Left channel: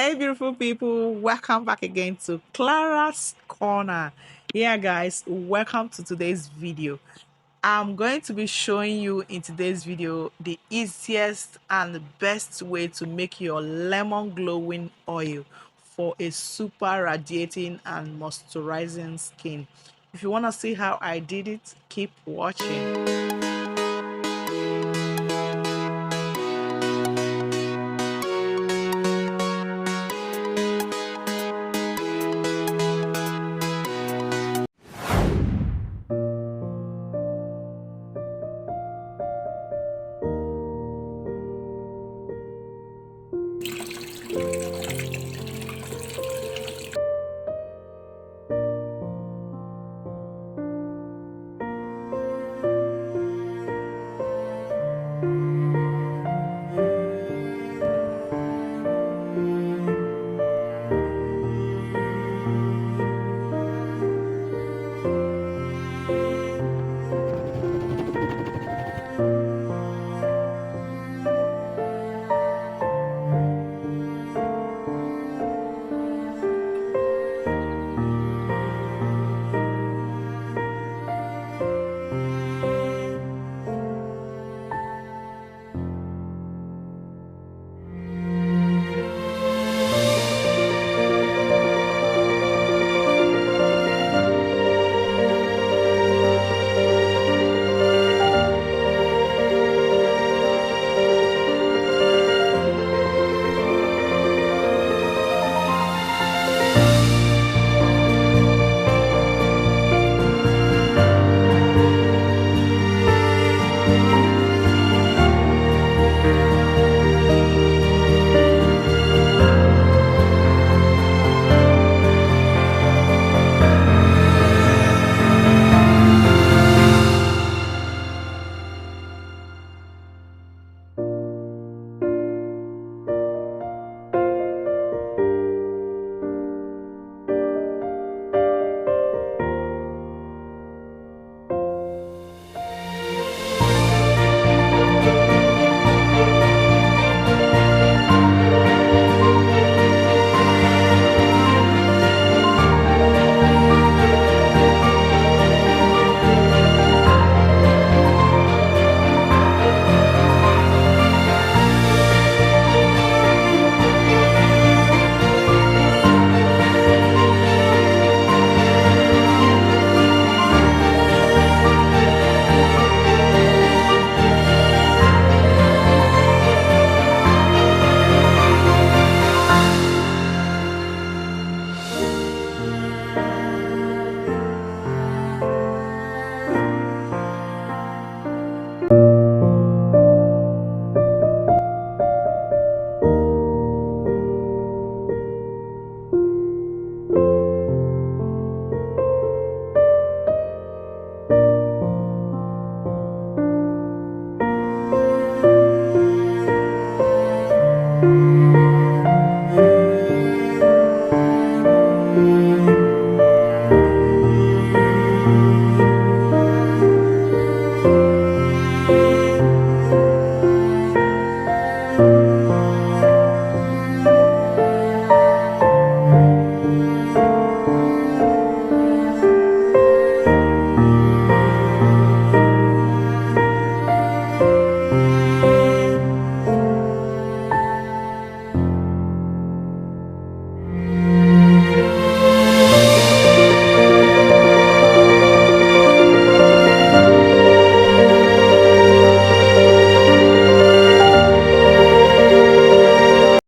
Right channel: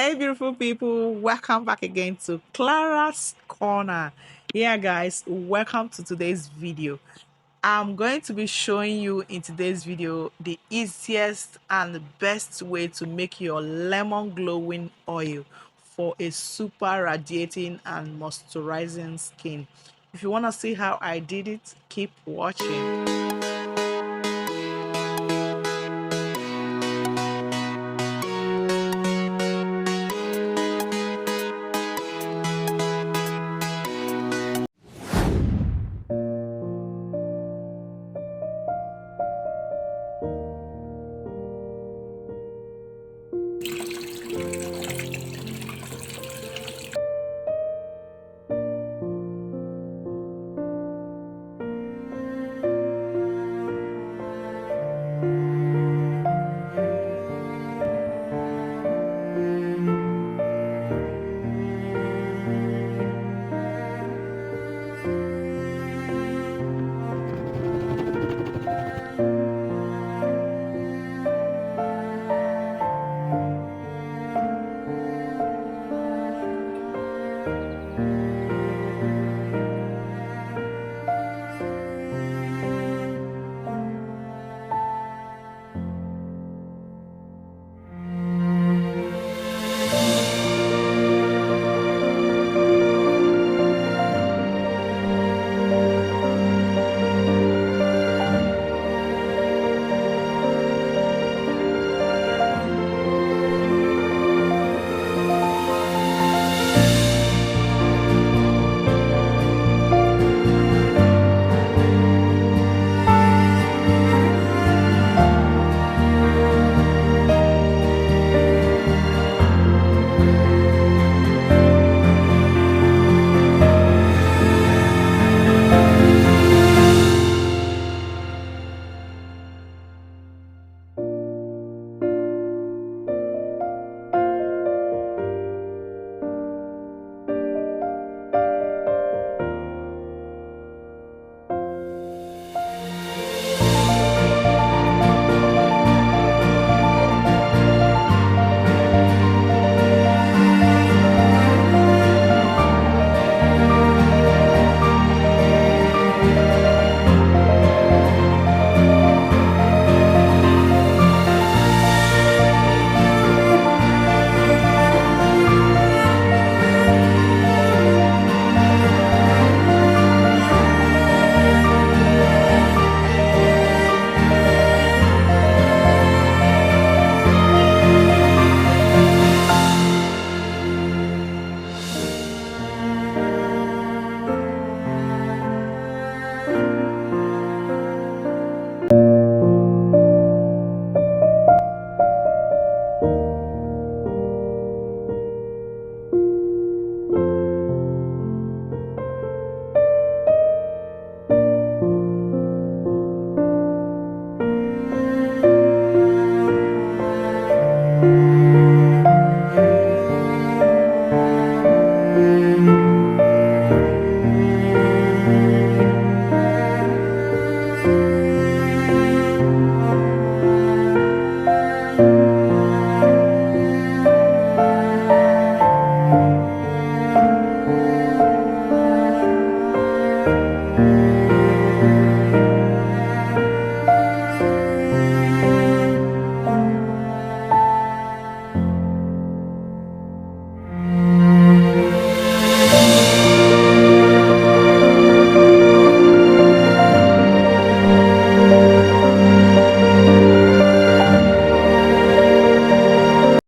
Hey, beautiful people, welcome back again to Clara's Corner. Yeah, guys, welcome to today's video. I'm going to be showing you in today's video the easiest and the best way to make your lemon glowing oil for a super radiating and moisturizing skin. If you want to see how I did it, keep watching.